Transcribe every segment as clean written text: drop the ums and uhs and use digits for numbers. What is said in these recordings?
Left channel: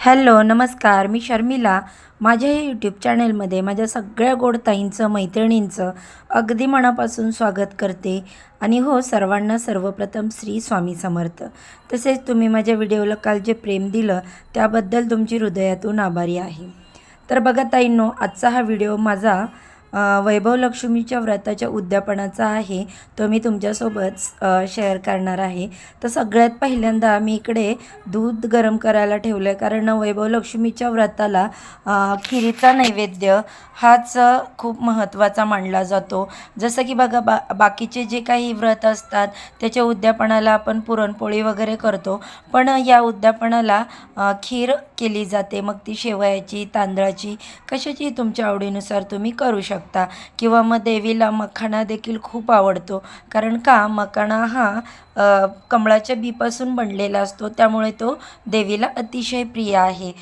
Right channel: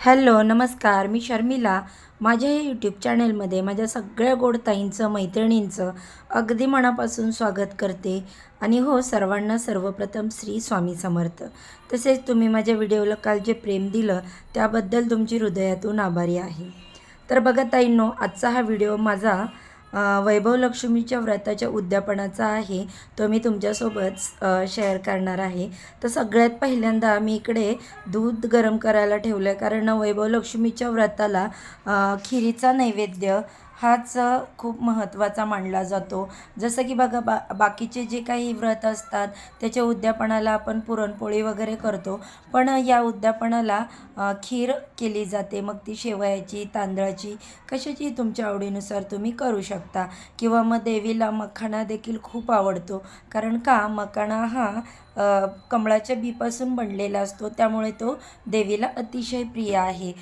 Hello नमस्कार, मी शर्मिला. माझ्या YouTube चॅनलमध्ये माझ्या सगळ्या गोड ताईंचं मैत्रिणींचं अगदी मनापासून स्वागत करते. आणि हो, सर्वांना सर्वप्रथम श्री स्वामी समर्थ. तसेच तुम्ही माझ्या व्हिडिओला काल जे प्रेम दिलं त्याबद्दल तुमची हृदयातून आभारी आहे. तर बघा ताईंनो, आजचा हा व्हिडिओ माझा वैभव लक्ष्मीच्या व्रताच्या उद्यापनाचा आहे. तो मी तुमच्यासोबत शेअर करणार आहे. तर सगळ्यात पहिल्यांदा मी इकडे दूध गरम करायला ठेवलं आहे, कारण वैभव लक्ष्मीच्या व्रताला खिरीचा नैवेद्य हाच खूप महत्त्वाचा मानला जातो. जसं की बघा, बाकीचे जे काही व्रत असतात त्याच्या उद्यापनाला आपण पुरणपोळी वगैरे करतो, पण या उद्यापनाला खीर केली जाते. मग ती शेवयाची, तांदळाची, कशाची तुमच्या आवडीनुसार तुम्ही करू शकता. किंवा मग देवीला मखाना देखील खूप आवडतो, कारण का मखाना हा कमळाच्या बीपासून बनलेला असतो, त्यामुळे तो देवीला अतिशय प्रिय आहे.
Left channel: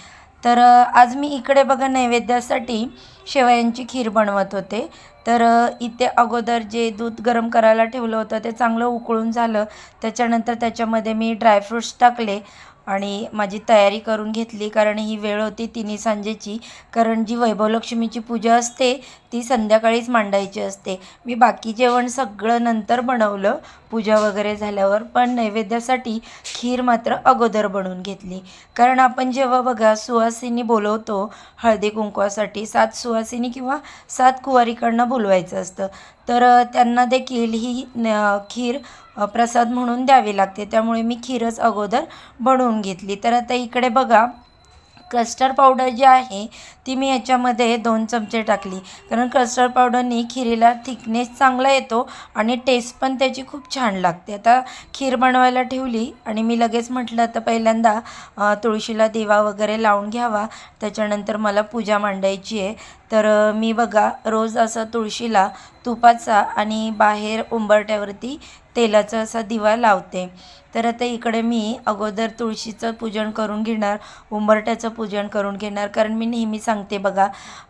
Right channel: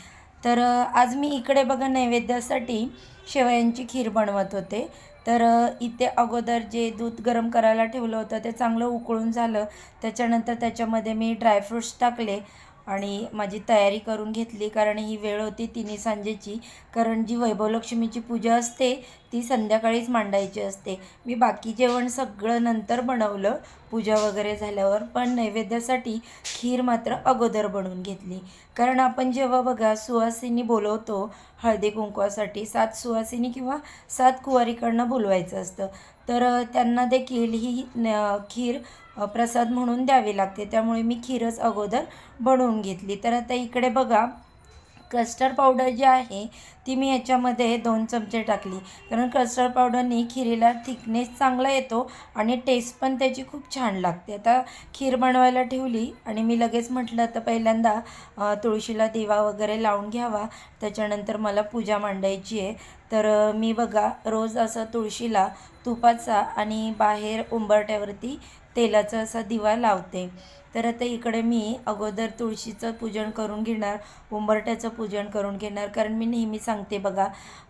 तर आज मी इकडे बघा नैवेद्यासाठी शेवयांची खीर बनवत होते. तर इथे अगोदर जे दूध गरम करायला ठेवलं होतं ते चांगलं उकळून झालं. त्याच्यानंतर त्याच्यामध्ये मी ड्रायफ्रूट्स टाकले आणि माझी तयारी करून घेतली, कारण ही वेळ होती तिन्ही सांजेची. कारण जी वैभवलक्ष्मीची पूजा असते ती संध्याकाळीच मांडायची असते. मी बाकी जेवण सगळं नंतर बनवलं पूजा वगैरे झाल्यावर, पण नैवेद्यासाठी खीर मात्र अगोदर बनवून घेतली. कारण आपण जेव्हा बघा सुवासिनी बोलवतो हळदी कुंकवासाठी, 7 सुवासिनी किंवा 7 कुवारीकडनं बोलवायचं असतं, तर त्यांना देखील ही खीर प्रसाद म्हणून द्यावी लागते. त्यामुळे मी खीरच अगोदर बनवून घेतली. तर आता इकडे बघा, कस्टर्ड पावडर जी आहे ती मी याच्यामध्ये 2 चमचे टाकली, कारण कस्टर्ड पावडरनी खिरीला थिकनेस चांगला येतो आणि टेस्ट पण त्याची खूप छान लागते. आता खीर बनवायला ठेवली आणि मी लगेच म्हटलं आता पहिल्यांदा तुळशीला दिवा वगैरे लावून घ्यावा, त्याच्यानंतर मला पूजा मांडायची आहे. तर मी बघा रोज असं तुळशीला तुपाचा आणि बाहेर उंबरठ्यावरती तेलाचा असा दिवा लावते. तर आता इकडे मी अगोदर तुळशीचं पूजन करून घेणार, उंबरठ्याचं पूजन करून घेणार. कारण मी नेहमी सांगते बघा,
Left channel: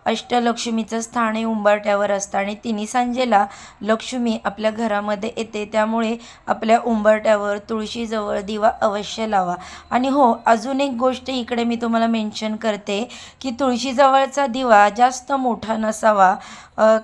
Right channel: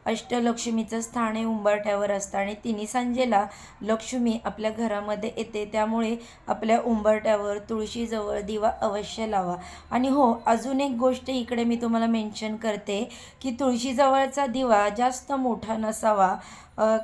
अष्टलक्ष्मीचं स्थान हे उंबरठ्यावर असतं आणि तिन्ही सांजेला लक्ष्मी आपल्या घरामध्ये येते. त्यामुळे आपल्या उंबरठ्यावर तुळशीजवळ दिवा अवश्य लावा. आणि हो, अजून एक गोष्ट इकडे मी तुम्हाला मेन्शन करते की तुळशीजवळचा दिवा जास्त मोठा नसावा.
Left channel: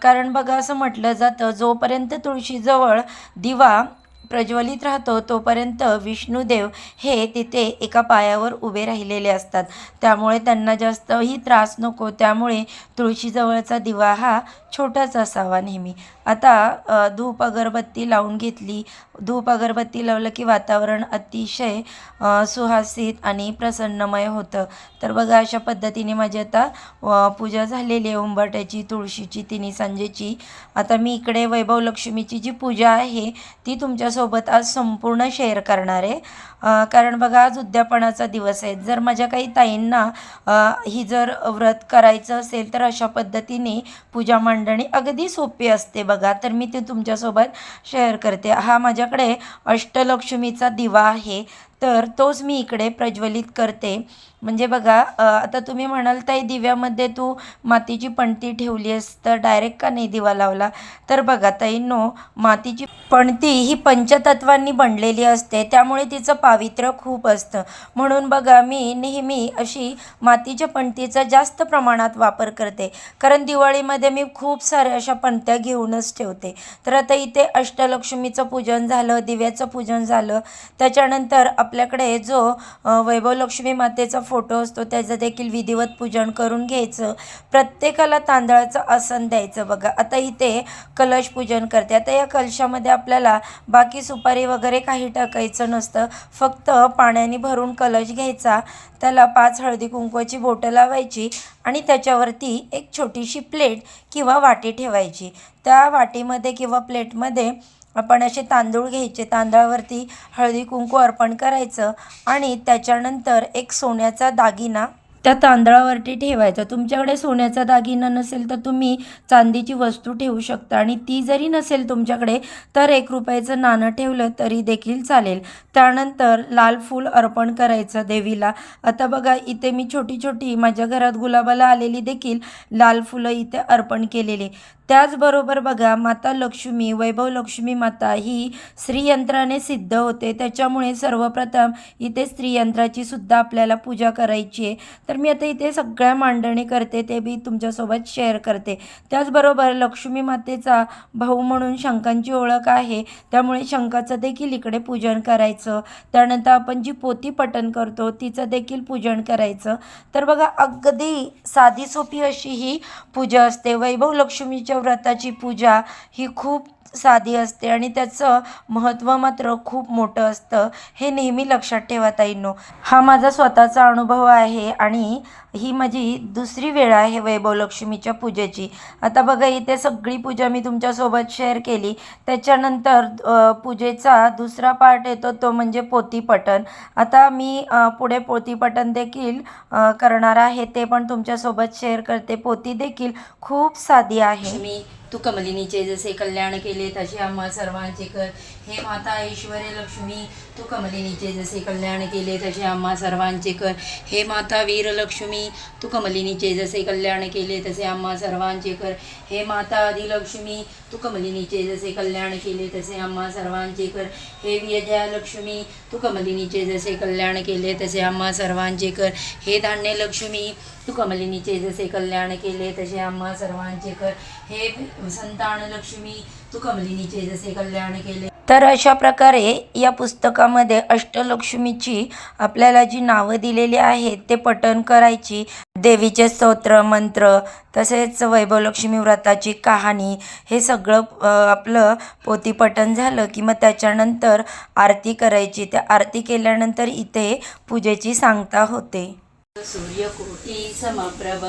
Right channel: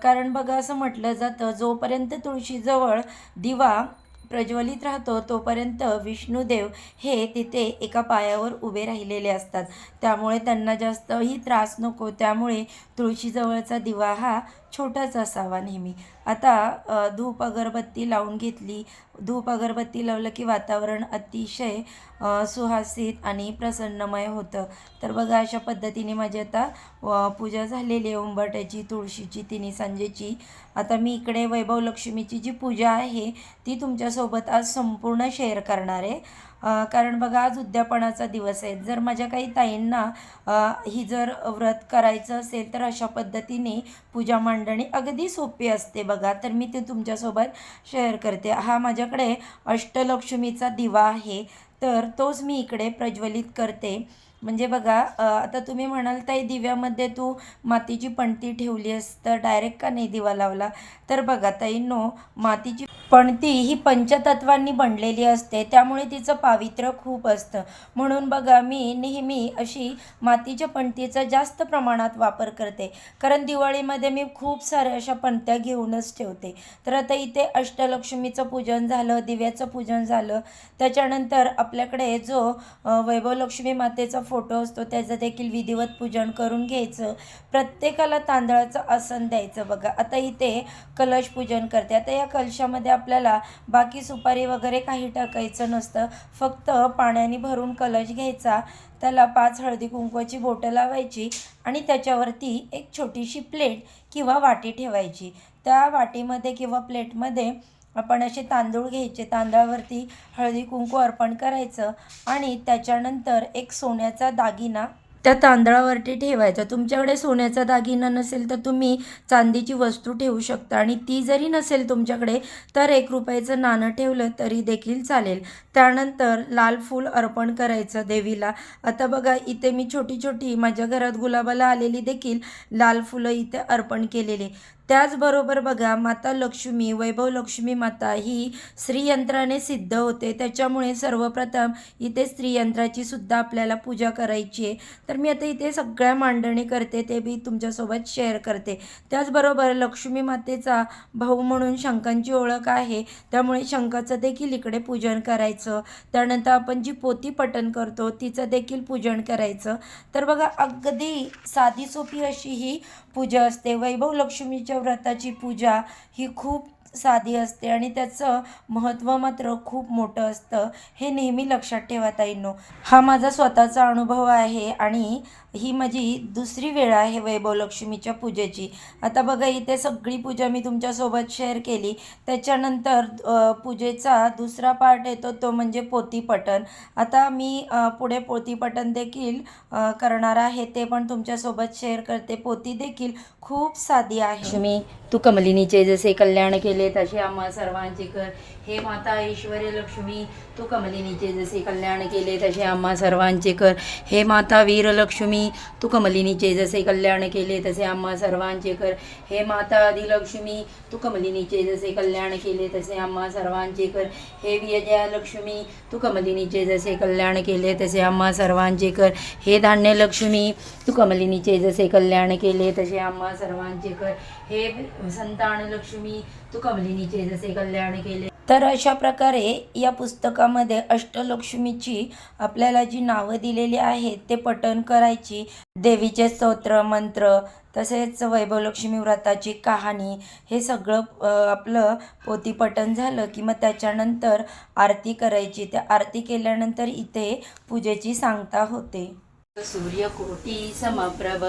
कारण बघा असं म्हटलं जातं, जोपर्यंत तुळशीजवळ दिवा प्रज्वलित राहतो तोपर्यंत विष्णुदेव हे तिथे एका पायावर उभे राहिलेले असतात. त्यामुळे त्यांना जास्तही त्रास नको, त्यामुळे तुळशीजवळचा दिवा हा छोटाच असावा नेहमी. आता धूप अगरबत्ती लावून घेतली. धूप अगरबत्ती लावलं की वातावरण अतिशय सुहासित आणि प्रसन्नमय होतं. तर बघा अशा पद्धतीने माझी आता पूजा झालेली आहे उंबरठ्याची, तुळशीची, तिन्ही सांजेची. आता मी इकडे वैभव लक्ष्मीची जी पूजा आहे ती तुमच्यासोबत आज संपूर्ण शेअर करणार आहे. कारण बघा आज उद्यापनाचा दिवस आहे. जर माझ्या काही ताईंना ही जर व्रत करायचं असेल तर अशा पद्धतीने पूजा मांडणी अगदी सोपी असते बघा. तर मी ते तुमच्यासोबत शेअर करते. हा माझ्याकडे अष्टलक्ष्मीचा दिवा आहे, तर तोच मी इकडे प्रज्वलित करते. म्हणजे बघा, आता तुम्ही म्हणाल ताई दिव्यामध्ये तू मातीची पणती ठेवली आहेस तर डायरेक्ट का नाही दिवा लावला. तर बघा ताईंनो, मातीची पणती ही पंचतत्वांनी बनलेली असते, त्यामुळे तिचं पावित्र्य खूप असतं. म्हणून बघा मी नेहमी अशी मातीच्या पणतीचा जास्त प्रमाणात वापर करते, कारण दिवाळीमध्ये मी खूप साऱ्या अशा पणत्या घेऊनच ठेवते. तर आता इथे अष्टलक्ष्मीचं पूजन झालं, दिव्याचं पूजन झालं, त्याच्यानंतर आपल्याकडे जो वैभवलक्ष्मी मातेचा फोटो असतो त्याचं देखील विधिवत पूजन करून घ्यायचं. प्रत्येकाला तांदळाचं आसन द्यायचं बघा. आता इथे कलश पूजन करते. आता या कलशामध्ये आपल्याला बाकी सुपारी वगैरे काही टाकायचं नसतं, फक्त पाण्याने भरून कलश घ्यायचा, त्याला 5 हळदी कुंकवाची बोटं लावायची आणि त्याच्यावरती एक छोटीशी प्लेट किंवा वाटी ठेवायची. त्या वाटीमध्ये किंवा प्लेटमध्ये आपण असे तांदूळ घ्यायचे, तांदळावरती हळदी कुंकू अर्पण करायचं आणि त्याच्यानंतर एक सोन्याचा दागिना त्या तांदळावरती ठेवायचा. तुमच्याकडे सोन्याचा दागिना नसेल तर तुम्ही चांदीची वस्तू ठेवू शकता, आणि ती जरी नसेल तुमच्याकडे तर 1 रुपयाचं नाणं ठेवलं तरी देखील चालेल. त्यानंतर लाल फूल अर्पण करायचं देवीला. आता बघा इथे मी छोटी छोटी माझ्या घरात गुलाबाला आलेली देखील लाल फुलं इथे अर्पण केलेली. त्याचबरोबर बघा, माता लक्ष्मी, वैभव लक्ष्मी माता ही श्रीयंत्राने सिद्ध होते. त्याच्यामुळे सर्वप्रथम इथे श्रीयंत्राची सुद्धा आपल्याला पूजा करायची आहे. तर मी आता इथे सगळ्या मांडणी करते, ते मी तुमच्यासोबत शेअर करते. त्याचबरोबर लक्ष्मी मातेचा भाऊ म्हणून शंखांची ओळख आहे, त्यामुळे शंखाचं देखील इकडे पूजन करायचं. त्यानंतर आपण जी पोथी पठण करतो तिचं देखील पूजन करायचं. तर बघा, अगदी साधी सोपी अशी ही पूजा असते. वैभव लक्ष्मीच्या व्रताची पूजा ही खूप साधी असते आणि त्याचं महत्त्व मात्र खूप मोठं असतं. हे नेहमी लक्षात ठेवा ताईंनो. हा माझा स्वतःचा अनुभव आहे आणि ही माझी दुसरी वेळ आहे वैभव लक्ष्मीच्या पूजेची. आता बघा, इथे सगळी पूजा मी तुमच्यासोबत शेअर केली. त्याच्यानंतर पूजेचा दुसरा पार्ट येतो, तो म्हणजे पोथीपठण. आता मी पुढे पोथीपठण देखील करणार आहे, ते पण तुमच्यासोबत शेअर करते. पोथी देखील खूप साधी आहे. लक्ष्मी तू कमलिनीचे जसे कल्याण केले तसे आम्हा सर्वांचे कर. हे माता ऐश्वर्य लक्ष्मी तू कमलिनीचे जसे कल्याण केले तसे आम्हा सर्वांचे कर. हे माता वीर लक्ष्मी तू कमलिनीचे जसे कल्याण केले तसे आम्हा सर्वांचे कर. हे माता आदिलक्ष्मी तू कमलिनीचे जसे कल्याण केले तसे आम्हा सर्वांचे कर. हे विजया लक्ष्मी तू कमलिनीचे जसे कल्याण केले तसे आम्हा सर्वांचे कर. हे धान्य लक्ष्मी तू कमलिनीचे जसे कल्याण केले तसे आम्हा सर्वांचे कर. हे संतान लक्ष्मी तू कमलिनीचे जसे कल्याण केले. तर अशा प्रकारे या पुस्तकामध्ये अष्टलक्ष्मीची आपल्याला जी नावं दिलेली आहेत ते पठण करायची. देवीचे स्तोत्र, मंत्र, तसेच वैभवलक्ष्मी व्रताची कहाणी, हे सगळं आपलं पोथीपठण झालं की मग त्याच्यानंतर आरती करायची. त्या आरती केल्यानंतर इथे पूजेची सांगता होते. सूर्यकोटी समप्रभ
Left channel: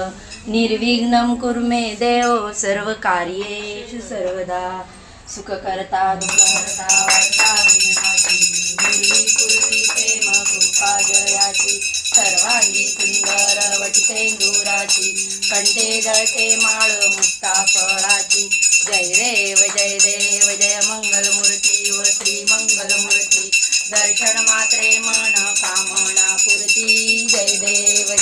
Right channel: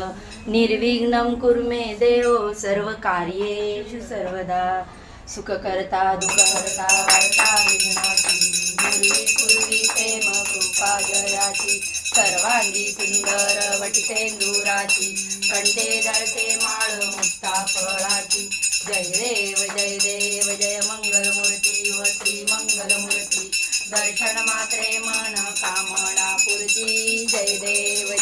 निर्विघ्नं कुरु मे देव सर्व कार्येषु सर्वदा. सुखकर्ता दुःखहर्ता हर्ता विघ्नाची पूर्वी प्रेम कृपा जयाची. सर्वांगी सुंदर वटितेंदुराची कंठे जळते माळ मुक्ता फळाची. जय देव जय मंगलमूर्ती व श्री मंगलमूर्ती. दर्शन मात्रे मन कामना पूर्ती. जय देव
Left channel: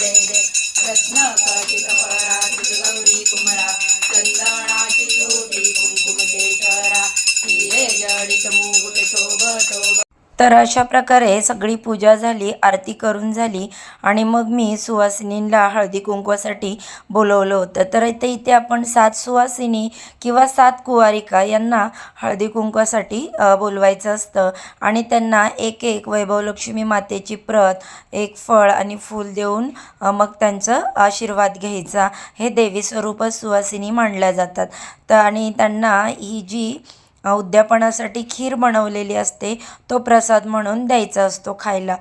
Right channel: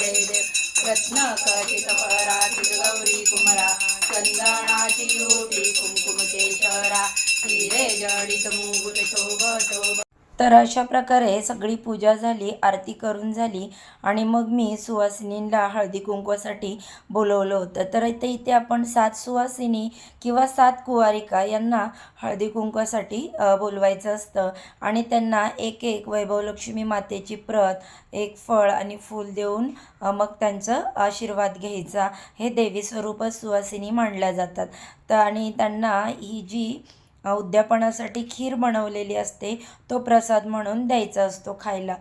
रत्न खचित पराचित गौरी कुमरा. चंदनाची लोटी कुंकुमतेश्वरा. हिरे जडित मुकुट शोभतो. तर अशा प्रकारे सगळी पूजा झाली, आरती करून झाली आणि मग मी सुवासिनींना हळदी कुंकवासाठी बोलवलं होतं. तर इथे आपण 7 सुवासिनी किंवा 7 कुवारिका यांना हळदी कुंकवासाठी बोलवायचं असतं आणि त्यांना एक एक वैभवलक्ष्मी मातेची प्रत, एक फळ आणि फूल देऊन मग त्यांचं आशीर्वाद घ्यायचा. हे देवी स्वरूपच सुवासिनी मानल्या जातात. आणि त्यांना ही जी उद्यापनासाठी खीर बनवलेली असते तो प्रसाद म्हणून द्यायचा असतो खायला.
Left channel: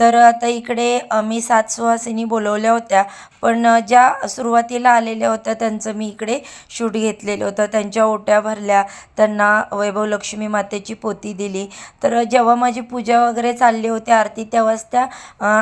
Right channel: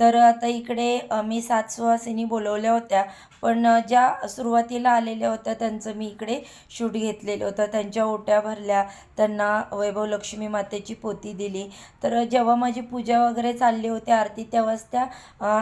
तर आता इकडे मी 7 सुवासिनी बोलवल्या होत्या, पण ज्या सुरुवातीला आलेल्या होत्या त्यांचं मी इकडे शूट घेतलेलं होतं. त्यांच्या ओट्या भरल्या, त्यांना वैभवलक्ष्मी मातेची पोथी दिली. तर जेव्हा माझी पूजा वगैरे चालली होती आरती, तेव्हाच त्या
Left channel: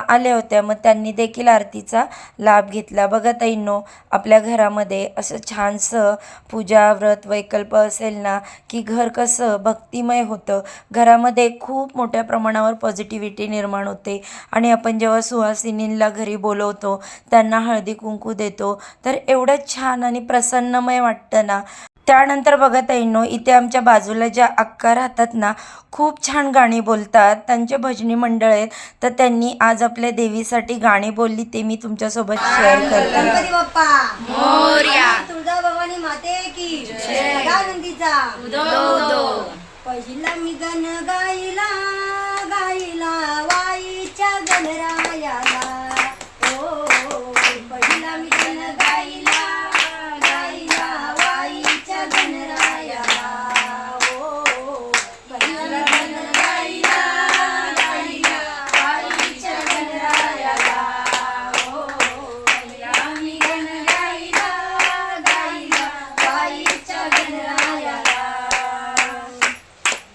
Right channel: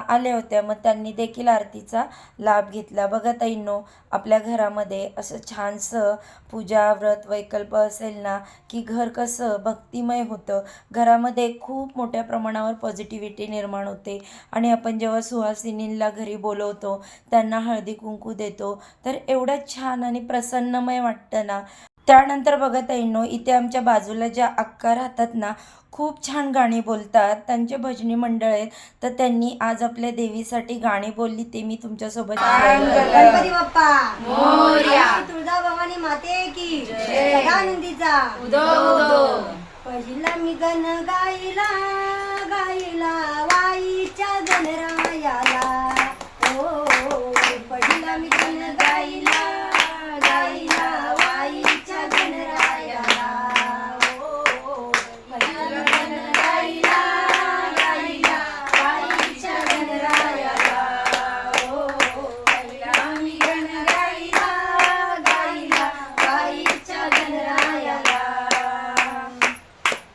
आल्या होत्या. मग त्यांनी देखील आरतीचा लाभ घेतला. बघा ताईंनो, आपल्या घरामध्ये असं छानसं पूजा व्रत वैकल्प असेल ना की घर कसं भक्तिमय होतं. घरामध्ये खूप मोठ्या प्रमाणावर पॉझिटिव्हिटी निर्माण होते आणि आपण जेव्हा सुवासिनींना घरी बोलवतो, त्यांना हळदी कुंकू देतो, तर एवढं छान आणि प्रसन्नमय वाटतं ना. त्यानंतर बघा ताईंनो, इथे आमच्या बाजूला ज्या अक्का राहतात ना, खूप छान गाणी बोलतात. त्यांचे भजनी मंडळ आहेत. तर त्यांनी आज आपल्या देवीसाठी गाणी बोलली, ते मी तुमच्यासोबत शेअर करते. गणपती बाप्पा मोरया. तुळजा भवानी माते की सदानंदीचा उदो. पहिला मी गण गायला गायला वाईच्या गणरायाला. ओ पहिला मी गण गायला गायला वाईच्या गणरायाला. ओ पहिला गण गायला गायला वाईच्या गणरायाला. ओ पहिला मी गण गायला गायला वाईच्या गणरायाला.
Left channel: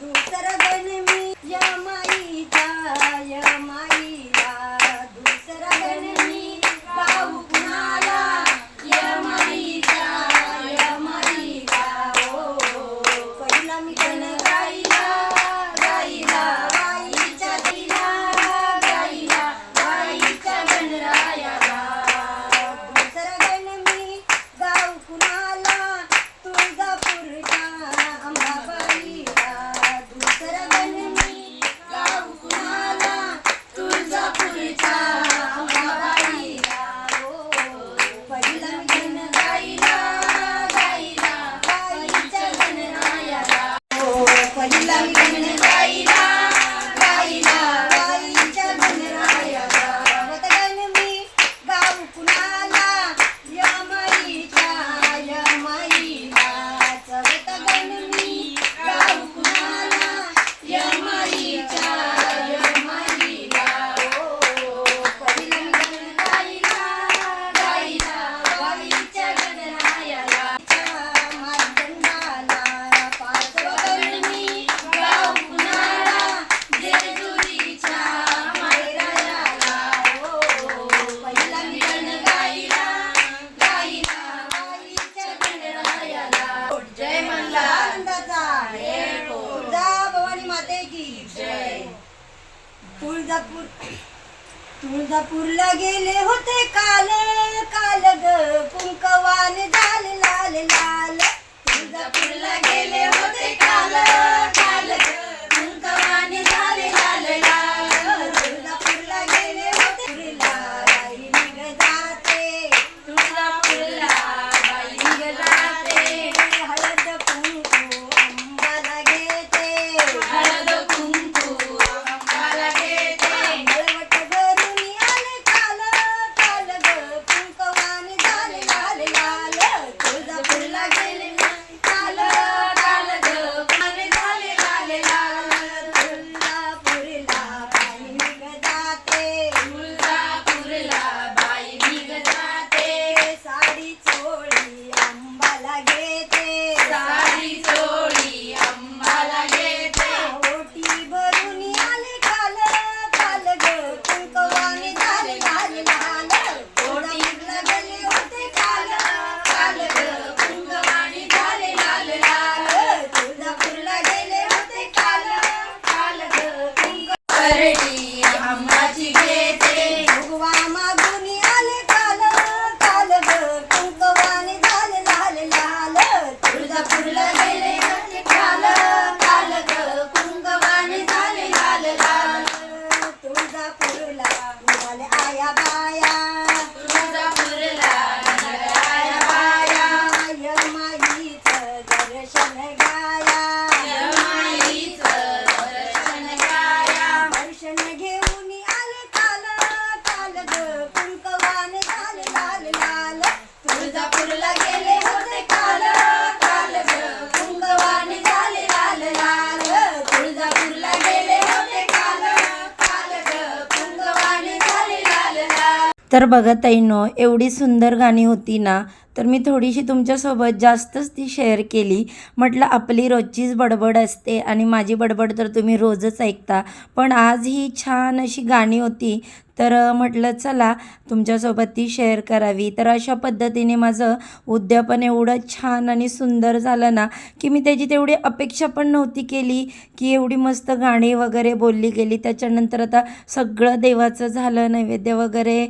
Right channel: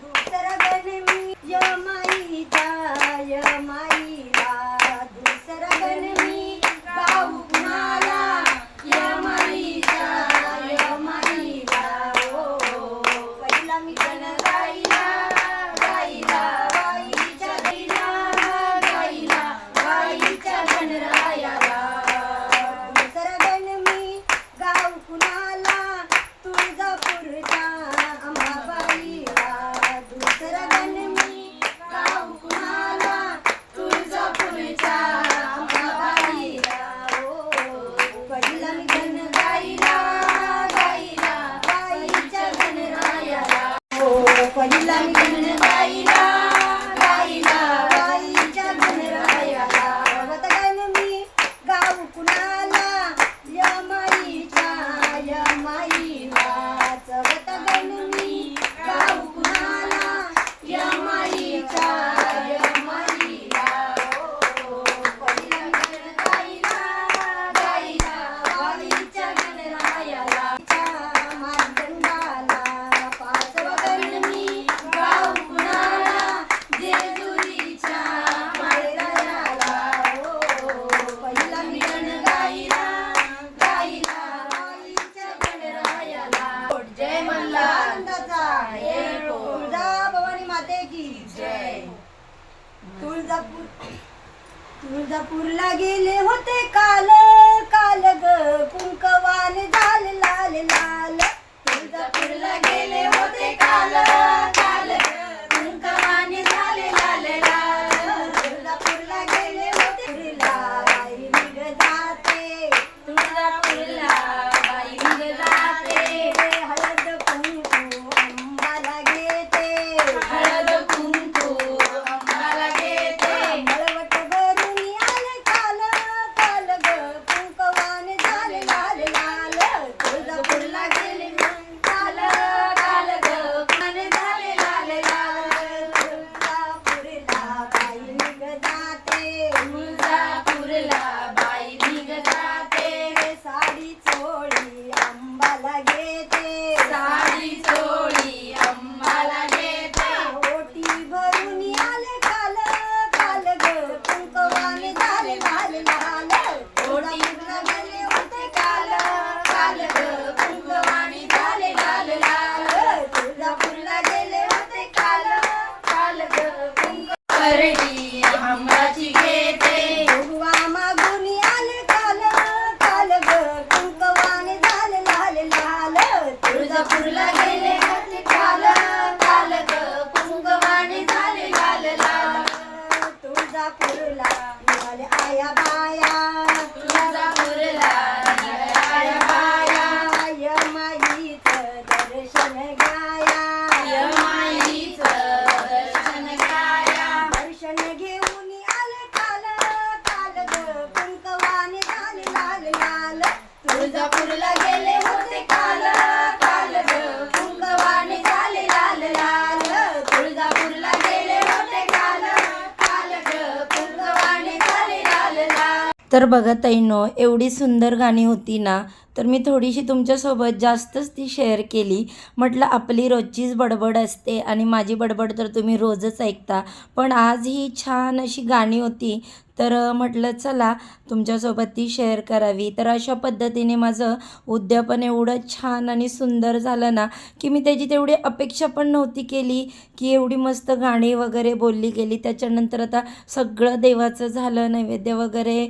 दुसरा गण मी यमाईचा यमाईला तुळजापूरला गेले होते काल काल ग कुंकवान झाल लाल लाल. तुळजापूरला गेले होते काल काल ग कुंकवान झाल लाल लाल. तुळजापूरला गेले होते तुळजापूरला बाई निघ जाते. तुळजापूरला बाई निघ जाते. हळद कुंकू अंबाला घेते. हळद कुंकू अंबाला घेते. मळवट भरून आले काल काल ग कुंकवान झाल लाल लाल. तुळजापूरला गेले काल काल ग कुंकवान झाल लाल लाल. तुळजापूरला बाई निघ जाते. तुळजापूरला बाई निघ जाते. साडी चोळी अंबाला घेते. साडी चोळी अंबाला घेते. ओटी भरून आले काल काल ग कुंकवान झाल लाल लाल. तुळजापूरला गेले होते काल काल ग कुंकवान झाल लाल लाल. तुळजापूरला गेले होते काल काल ग कुंकवान आंबाची घेते. भगवा मागून आले काल काल ग कुंकवान झाल लाल लाल. तुळजापूरला गेले होते काल काल ग कुंकवान झाल लाल लाल. तुळजापूरला निघाले आया बाया. तुळजापूरला निघाले आया बाया. यमाईचं दर्शन घ्याया. यमाईचं दर्शन घ्याया. दर्शन घेऊन आले काल काल ग कुंकवान झाल लाल लाल. तुळजापूरला गेले होते काल काल ग कुंकवान झाल लाल लाल. तुळजापूरला गेले होते काल काल ग कुंकवान झाल लाल लाल. तर बघा ताईंनो, एवढी सुंदर गाणी होती ना, तर मी थोडीशी तुमच्यासोबत जास्तच ती शेअर केली. म्हटलं आपली रोजचीच बडबड असते आणि माझी बडबड तर तुम्ही रोजच ऐकता, पण आज ही छान अशी गाणी होती, तर म्हटलं चला तुमच्यासोबत ती शेअर करावी. तर अशा पद्धतीने माझं उद्यापन एवढं छान आणि सुंदर झालं ना, की मी त्याची तेवढी अपेक्षा पण नव्हती केली की एवढी मस्त गाणी वगैरे बोलली गेली. त्याच्यानंतर आता सगळं देवाचं झालं, नैवेद्य वगैरे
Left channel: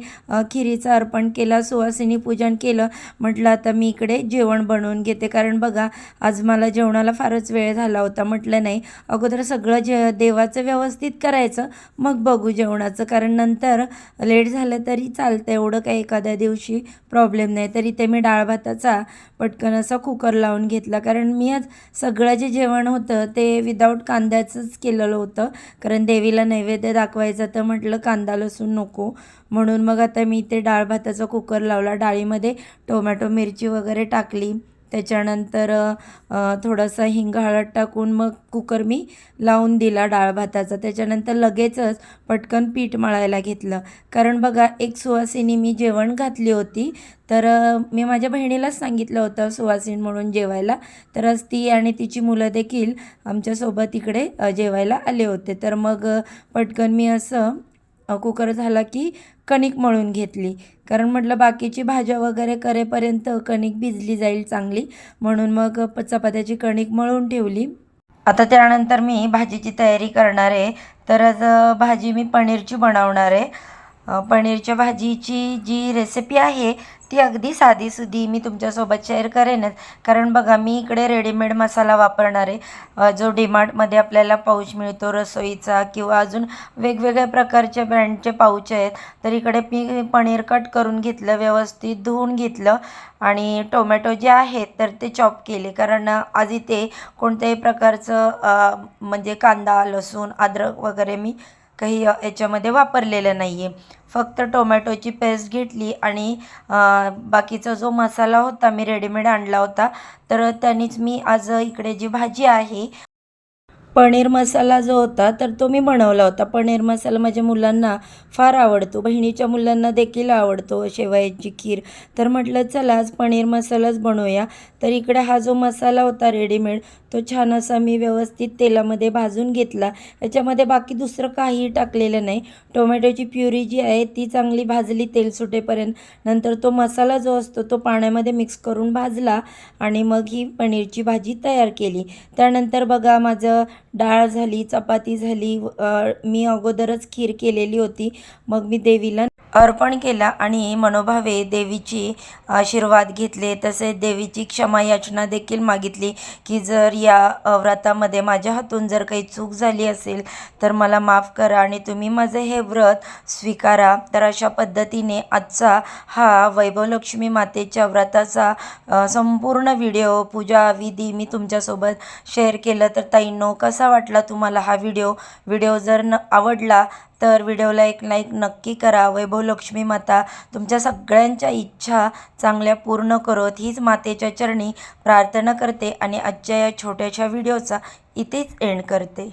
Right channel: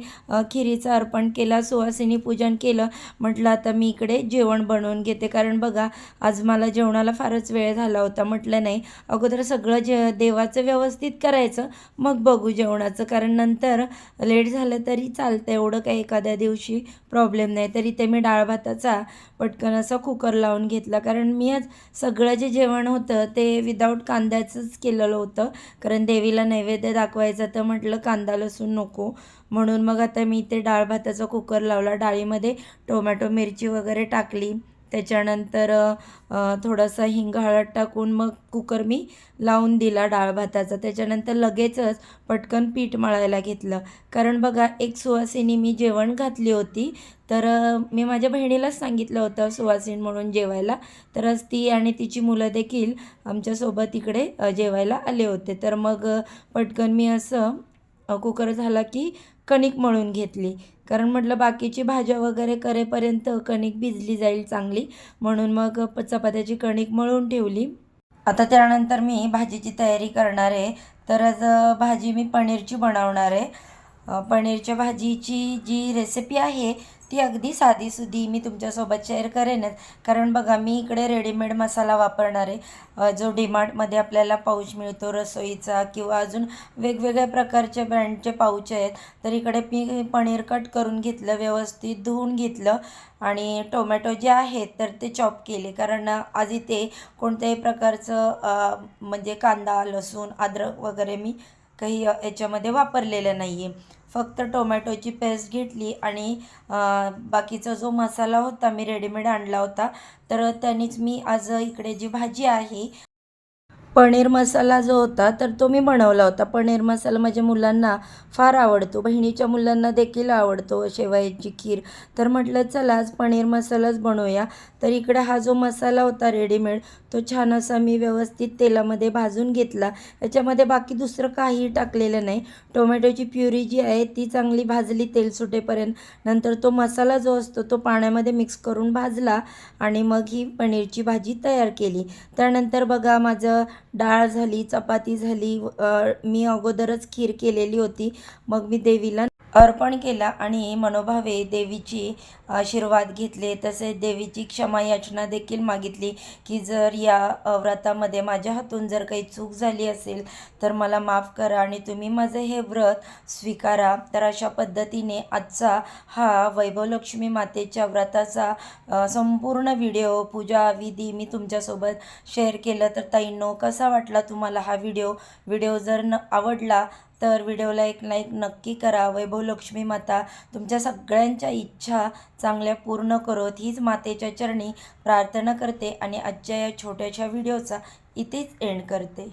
खिरीचं अर्पण केला, सुवासिनी पूजन केलं. म्हटलं आता मी इकडे जेवण बनवून घेते, कारण बघा आज मला जेवणाला फारच वेळ झाला होता. म्हटलं नाही, अगोदर सगळं देवाचं व्यवस्थित करायचं, मग बघू जेवणाचं, कारण नंतर लेट झालं तरी चालतं, एवढं काही एखाद्या दिवशी प्रॉब्लेम नाही. तरी ते मी डाळ भाताचा पटकन असा कुकर लावून घेतला, कारण मी आज सगळं जे जेवण होतं ते विदाऊट कांद्याचंच केलेलं होतं, कारण देवीला नैवेद्य दाखवायचा, तर म्हटलं कांदा लसूण नको, म्हणून मग आता मी ते डाळ भाताचा कुकर लावला. डाळीमध्ये टोमॅटो मिरची वगैरे टाकली, त्याच्यानंतर थोडासा हिंग हळद टाकून मग कुकर मी लावून दिला डाळ भाताचा. त्याच्यानंतर लगेचच पटकन पीठ मळायला घेतलं, कारण बघा एक सुवासिनी मी जेवण घातली होती, तर मी माझ्या बहिणीलाच सांगितलं होतं सुवासिनी म्हणून जेवायला, तर आज ती आणि तिची मुलं देखील आमच्यासोबत इकडे जेवायला आले होते. तर मग पटकन मी असं कुकर झाला की कणिक मळून घेतली, कारण म्हटलं बाकीची भाज्या वगैरे करेपर्यंत कणिक भिजली जाईल चांगली, म्हणून मग चपात्याची कणिक मळून ठेवली. आता त्यानंतर मी भाजीची तयारी करणार आहे. तर आज भाजी मी पनीरची बनवणार आहे. पनीरच्या भाजीची जी रेसिपी आहे ती अगदी साधीसुधी मी तुमच्यासोबत शेअर करेनच, कारण बघा मी इकडे रेडीमेड मसाला वापरणार आहे, जो डीमार्टमध्ये आपल्याला पाऊच मिळतो रसोईचा, किंवा अजून वेगवेगळ्या प्रकारचे ब्रँडचे पाऊच आहेत. तर इकडे मी पनीर कट करून घेतलं, व्यवस्थित धुवून घेतलं, आणि टोमॅटो जे आहेत तर ते चॉप केले, कारण आज इथे कोणत्याही प्रकारचं म्हणजे कांदा लसूण अद्रक वगैरे मी काही याच्यामध्ये वापरलेलं नाही आहे. फक्त टोमॅटोची पेस्ट घेतली आणि बाकीचा जो मसाला होता मी रेडीमेड आणला होता, तर त्यानेच मी आज इकडे जी भाजी आहे पनीर मसाला जो होता तर तो मी बनवला होता. पनीर मसाला माझ्या मुलांना फार आवडतो, बहिणीच्या मुलांना देखील आवडतो, शेवयाची खीर. तर म्हटलं चला आज पनीर मसालाच बनवूया. तर इकडे हा जो मसाला होता रेडीमेड तो छान असा मी व्यवस्थित तेलामध्ये भाजून घेतला. याच्यामध्ये बाकी दुसरं काहीही टाकलेलं नाही. टोमॅटोची प्युरी जी आहे ती चांगली भाजली तेल सुटेपर्यंत. नंतर तो मसाला जो असतो तो पाण्यामध्ये मिक्स करून भाजला आणि मग ही पनीरची भाजी तयार केली. त्यानंतर बघा माझं डाळ झाली, चपाती झाली, मी अगोदरच खीर केलेली होती. मग मी देवीला अर्पण केला आणि मनोभावे देवीची आशीर्वाद घेतले. तसेच देवीची क्षमा याचना देखील मागितली की जर या व्रतामध्ये माझ्या हातून जर काही चूक झाली असेल तर मला माफ करा आणि तुम्ही माझं हे व्रत स्वीकारा. तर अशा पद्धतीने आजचा हा वैभवलक्ष्मी मातेच्या व्रताचा संपूर्ण व्हिडिओ पूजा विधी मी तुमच्यासोबत शेअर केलं. तर ताईंनो, कसा वाटला तुम्हाला हा व्हिडिओ जर आवडला तर व्हिडिओला एक लाईक नक्की करा. वैभवलक्ष्मी माता तुमच्या सगळ्यांच्या इच्छा चांगल्या पूर्ण करोत हीच मातेच्या चरणी प्रार्थना करते आणि आजच्या या छोट्याशा व्हिडिओचा इथेच एंड करते.